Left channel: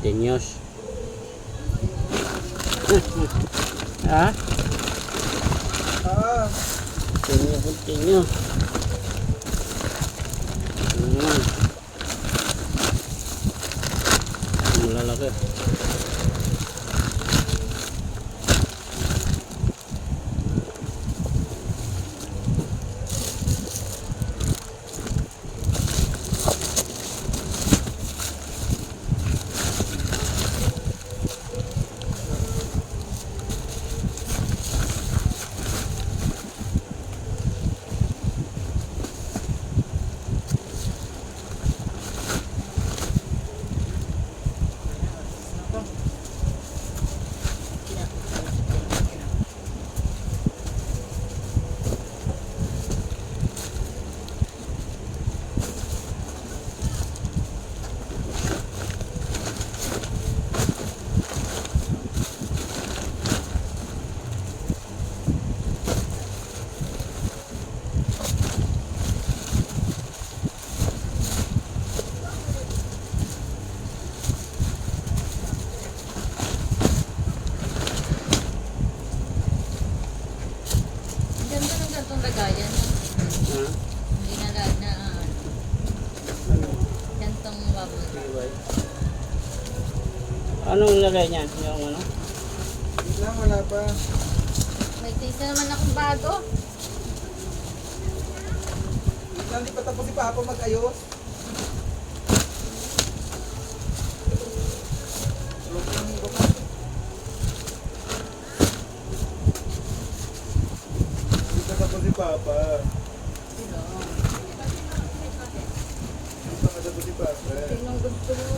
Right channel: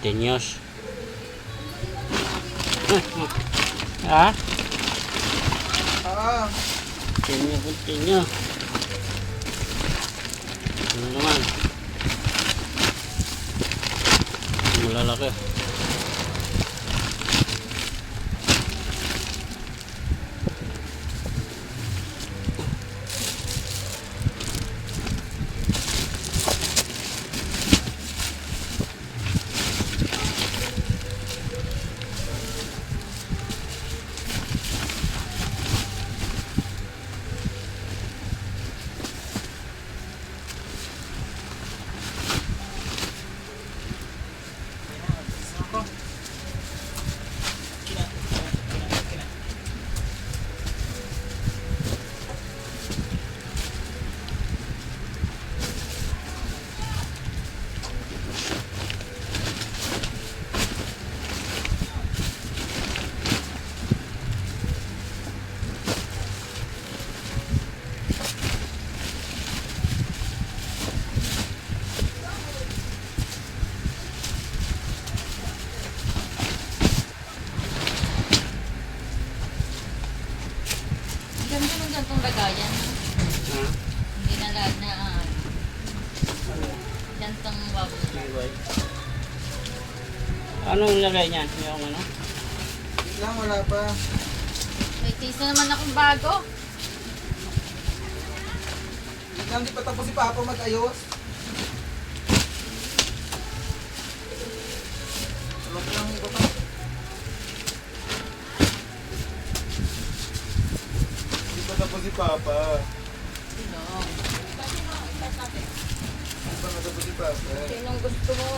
Continuous. Ha? Ah, Continue. Ano naman? Malalaki. Ganda ng gantong lagayan. Ha? Hindi na lahat na gantong bubble. Anong lagay niyan? Yung ano? wait lang, wala pa. May case na naman akong bago. Wait lang, di pa tapos si Papa mag-ayos. Alam ko lang iba pa. Di pa tapos si Papa. Sino? Di pa tapos si Papa. Sinong gusto mo?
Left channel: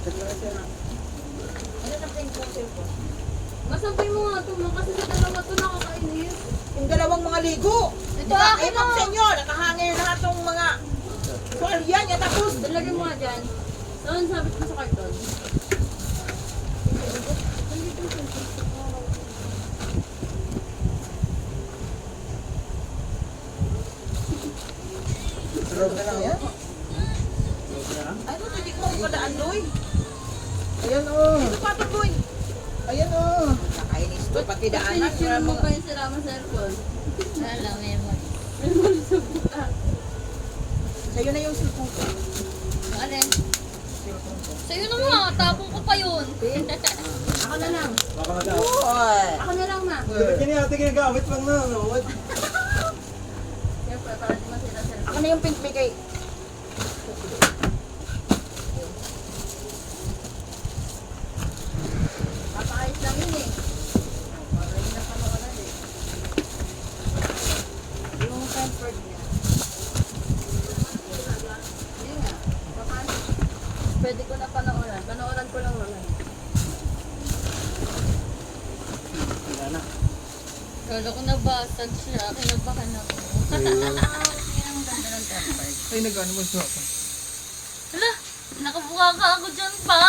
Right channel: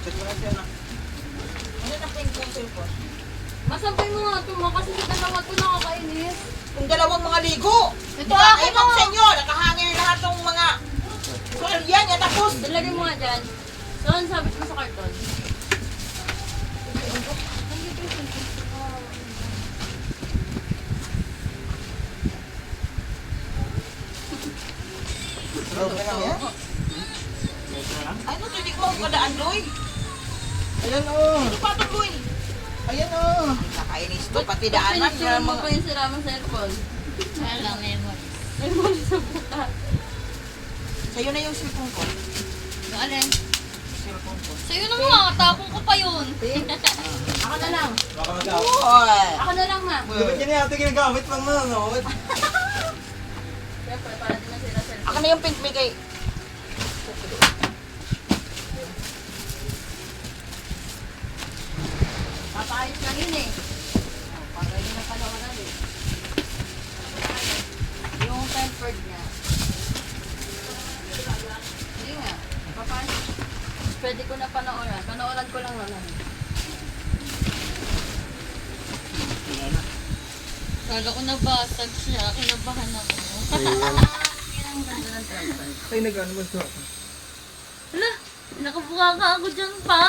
Check mo na siya na. Ano na pink yung cellphone? Masampay mo nga ito mo kasi sa dalawa ito nakakainis. Kung dalawang mga ligo. Ito akin Ewan na! sa inyo, nakahangin lahat ng mga yan, yan tapos. Dalagay mo nga dyan. Saan sabit mo sa karton? Nandito yung cellphone ko. Sarap na lang yan. Ano to, di ko kadaan, Loy. Ayan oh. Ano pa to, Loy? Ayan oh. Nakainis to, pati daanan. Pinicture mo Mga... pa yung sira mong cellphone. Kaya lang, memory. Sa'yo na yung cellphone ko. Yung alin? Cellphone ko. Sa'yo na nga, tapong ko pa yun. Ako na lang. Baka mag-out. Uy! Ako na lang, ma. Dapat yan yung ate ginagamit pang mga ngot. Siyempre, para di masira cellphone. Ako na yung pink may kay... Papaayos lang yun eh. Oh, para yun na panawanan eh. Yung tempered niya. Hindi nga. Papaayos. Pwede ko na panooran. Panooran ko lang wala. Wala na. Kala ko nabasag siya. Kinabahan ako. Ayun. Yan ang ganda ng tempered. Ay, nag-ano mo siya. Hala! Nakabuka ka ako dyan pa.